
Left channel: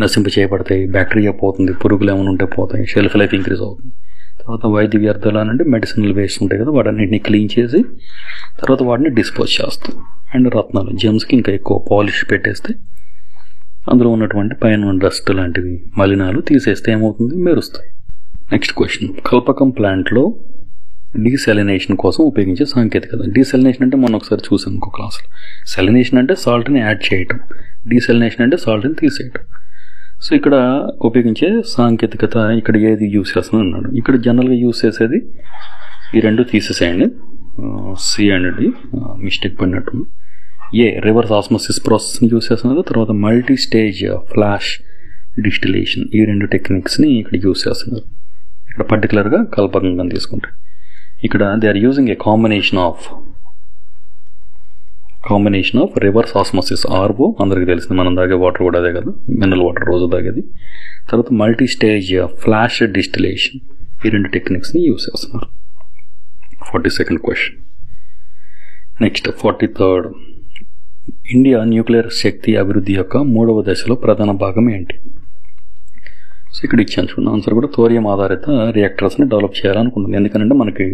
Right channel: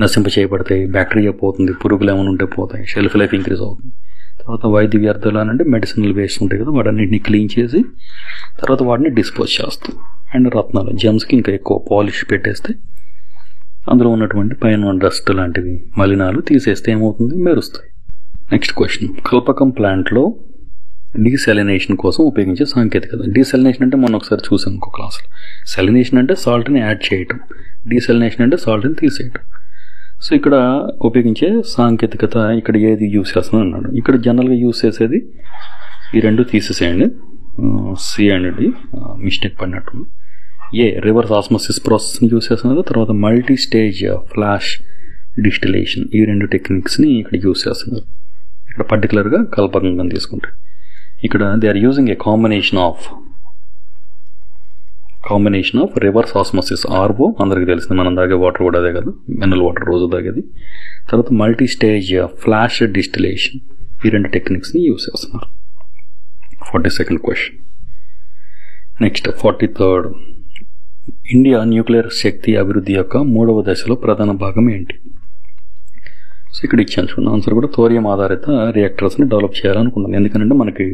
నశింప చేయబడతాయి, బ్యాక్టీరియా పోతుంది, పురుగులు ఏమైనా ఉంటే పోతాయి, షెల్ఫ్ లైఫ్ ఇంక్రీజ్ అవుతుంది. తర్వాత వైద్య వ్యర్థాలు అంటే మెడిసినల్ వేస్ట్ ఉంటాయి కదా, వాటన్నింటినీ క్లీన్ చేసి తర్వాత వాటిని డిస్పోజ్ చేస్తాం. అండ్ రత్నాలు జెమ్స్కి ఇంకా ఎక్కువ పాలిష్ పెట్టేస్తే అందులో ఉన్నటువంటి పైన డస్ట్ లాంటివి మలినాలు తీసేస్తే ఏమవుతుంది, మెరుస్తాయి. నెక్స్ట్ క్వశ్చన్, కల్పకం ప్లాంట్లో డీసెలినేషన్ కోసం ఉపయోగించే సాంకేతికత. డీసెలినేషన్ అంటే మనం ఒకసారి చూసాం ఇంకో క్లాస్లో. సెలినేషన్ అంటే సాల్ట్ని యాడ్ చేయటం, డీసెలినేషన్ అంటే సాల్ట్ని తీసేయటం. సో ఇక్కడ ఉపయోగించే సాంకేతికత ఇక్కడ ఏది యూస్ చేస్తున్నాను అన్నాడు. ఇక్కడ జనరల్గా యూస్ చేసేది ఈ రెండు తీసేసేయండి, సి అండ్ డి మిస్టేక్ పడినట్టుంది. రివర్స్ ఆస్మోసిస్ ప్రాసెస్ని యూస్ చేస్తున్నారు. తర్వాత మల్టీ స్టేజ్ ఫ్లాష్ డిస్టిలేషన్, ఈ రెండు టెక్నిక్స్ని ఇక్కడ యూస్ చేస్తున్నారు. ఇక్కడ పర్టికులర్గా కల్పకంగా తీసుకుంటే ఇక్కడ they are using a combination of reverse osmosis, RO అందరికీ తెలిసింది, మనం తాగే వాటర్ కూడా అదే కదా, మినరల్ వాటర్ రోజు తాగేది. తర్వాత మల్టీ స్టేజ్ ఫ్లాష్ డిస్టిలేషన్, ఈ రెండు టెక్నిక్స్ని యూస్ చేస్తున్నారు. 42nd question. Next 43rd, India nuclear శక్తి అభివృద్ధి యొక్క 3వ దశలో ప్రధాన భాగం ఏంటి? సో ఇక్కడ ఇచ్చాను చూడండి ఆన్సర్ కూడా. థోరియం ఆధారిత రియాక్టర్స్ని డెవలప్ చేయాలనుకుంటుంది. ఎందుకంటే మనకి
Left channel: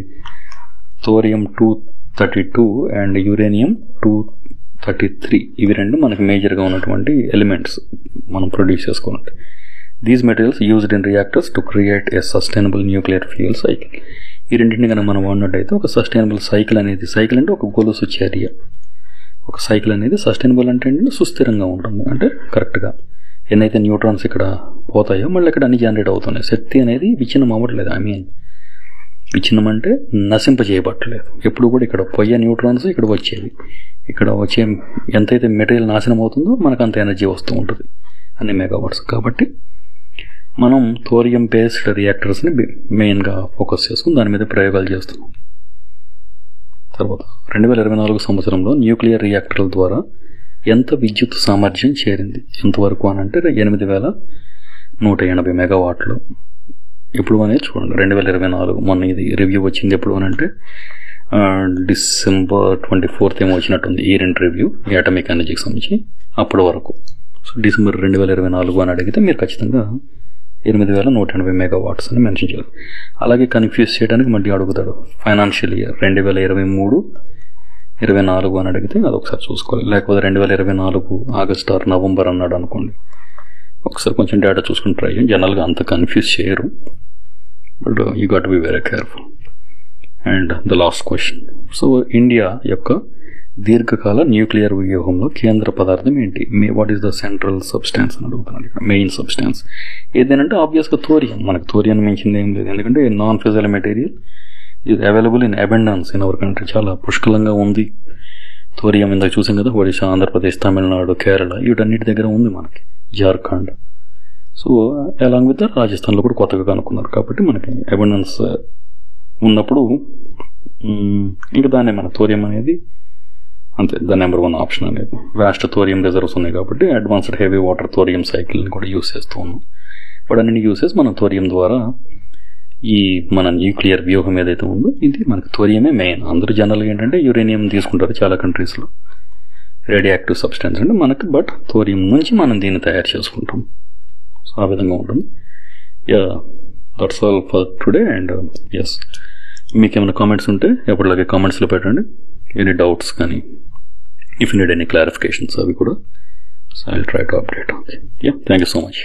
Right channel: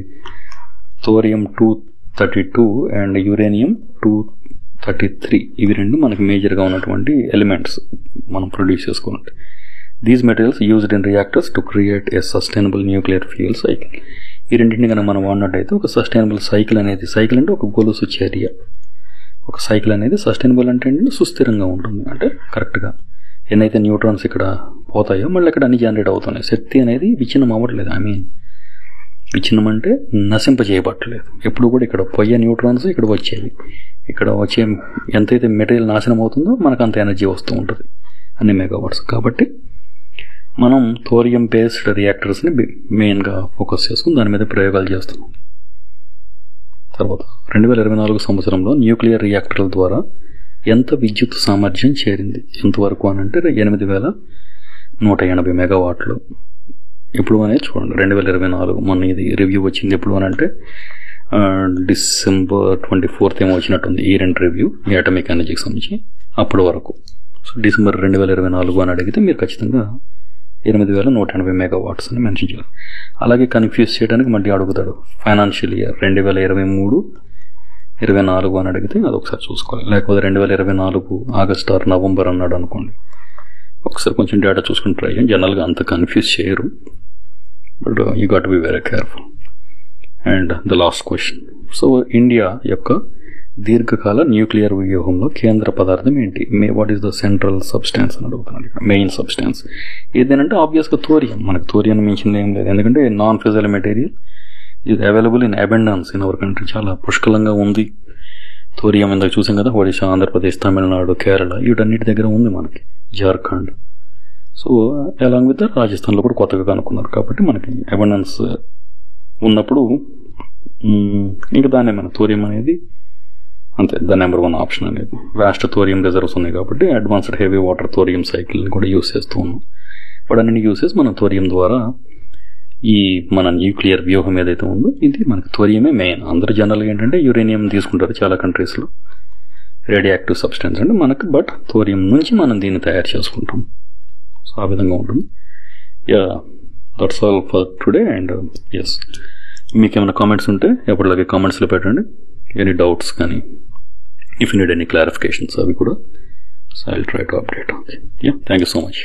థోరియం 232 అండ్ యురేనియం 233 ఇవి రెండు మనకి మేజర్గా ఉన్నటువంటి ఎలిమెంట్స్ మనం ప్రొడ్యూస్ చేసుకోవాలంటే. These materials used in reactors to create a sustainable nuclear fuel cycle. ఈ రెండింటిని కనుక మనం వాడినట్టయితే ఒక సస్టైనబుల్ సైకిల్ అనేది, సైకిల్ అంటే ఒక గొలుసు చర్య, ఒక సైకిల్ అనేది సస్టైనబుల్ అంటే సుస్థిరంగా ఉంటుంది. అంటే కరెక్ట్గా ఎన్నైతే న్యూట్రాన్స్ ఇక్కడ పోతాయో మళ్ళీ ఇక్కడ అన్ని జనరేట్ అవుతున్నాయి. శక్తి అనేది విచ్ఛిన్నం అవ్వట్లేదు. విచ్ఛిన్నం అంటే నశింప చేయబట్టలేదు. ఎప్పుడు కూడా ఇక్కడ పోయే న్యూట్రాన్స్ ఇక్కడ వచ్చేవి, ఇక్కడ వచ్చే ఎంతైతే మెటీరియల్ నాశనం అవుతుందో మనకు అంత ఎనర్జీ వస్తూ ఉంటుంది, అన్ని మెగావాట్స్. కాబట్టి మనం థోరియం బేస్డ్ రియాక్టర్స్ని మెయిన్గా ఫోకస్ చేసుకుని దాని మీద ప్రయోగాలు చేస్తున్నాం. తర్వాత 2024 సంవత్సరంలో న్యూక్లియర్ రియాక్టర్ల ద్వారా ఎంత విద్యుత్ సామర్థ్యం చేరింది, ఎంతవరకు అని అంటే 8180 మెగావాట్లు. ఎప్పుడు అనేది చూడండి 2024, మొన్న ఇది రివ్యూ వచ్చింది. ఎప్పుడు అని అంటే December 24th ఏమో వచ్చినట్టుంది ఈ రెండు రివ్యూ, ఈ అటామిక్ ఎనర్జీకి సంబంధించి. అప్పటి వరకు సో December 2024 అని అడిగితే మీరు ఖచ్చితంగా 8180 మెగావాట్స్ అని మెన్షన్ చేయాలి. అలాగే కన్ఫ్యూజ్ చేయడానికి మళ్ళీ అడుగుతాడు ఫైనాన్షియల్ ఇయర్ 2023-24 అని అడిగితే అదొకసారి చూసుకోవాలి. లేకపోతే 2024 ఆగస్ట్ ఆర్ నవంబర్ అన్నాడు అనుకోండి, ఒకసారి కొంచెం డేటా చూసుకుని ట్రై చేయండి. జనరల్గా అంత కన్ఫ్యూజ్ చేయరు, but you got to be very careful. And the last question. So India యొక్క దీర్ఘకాల న్యూక్లియర్ వ్యూహంలో కేంద్ర పదార్థం ఏంటి? What is the central substance అని అడుగుతున్నాడు ఇక్కడ. మెయిన్ సబ్స్టాన్స్ ఏదేనంటే ఆబ్వియస్గా థోరియం. మనకు థోరియం మించింది ఏం లేదు, ఎందుకంటే నాన్ ఫిజల్ మెటీరియల్ ఇది available in abundance in our country. చాలా పుష్కలంగా ఉంది థోరియం. ఇందాక చూసాం కదా, ఒడిశా, ఆంధ్రప్రదేశ్, తమిళనాడు, కేరళ వీటన్నిటి దగ్గర ఉంది మనకి, జార్ఖండ్. సో అలాంగ్ విత్ రాజస్థాన్లో కూడా కొత్తగా కనుక్కున్నారు. కాబట్టి మనకి అబెండెన్స్ ఉన్నప్పుడు ఇంకా దాన్నే మన థోరియం అనేది అంతే ద నెంబర్ 1 ఆప్షన్ అనేది. వాస్ట్ థోరియం రిజర్వ్స్ ఉన్నాయి కాబట్టి అడ్వాన్స్డ్ హెవీ వాటర్ థోరియం సైకిల్ని కూడా యూస్ చేస్తూ ఉన్నాం. బట్ అన్ని యూసెస్ మనం థోరియం ద్వారా ఈ మన న్యూక్లియర్ వ్యూహం ఏదైతే ఉందో ఇది మనకి థోరియమే మెయిన్. అందరూ జనరల్గా ఏంటంటే యురేనియం తీసుకుంటారు చాలా కంట్రీస్లో, రేడియో యాక్టివ్ సబ్స్టెన్స్ అంటే మనకి. బట్ థోరియం నుంచి మనం దీన్ని తయారు చేసుకుంటాం. సో ఆ విధంగా ఉంటుంది. Yeah, that's all for today. And yes, మీకు ఏమైనా కామెంట్స్ ఉంటే ఎప్పటిలాగే కామెంట్స్లో పెట్టండి. ఎనీ డౌట్స్ కానీ, if you need any clarifications అవి కూడా. So I will try to update. Okay, yeah, thank you so much.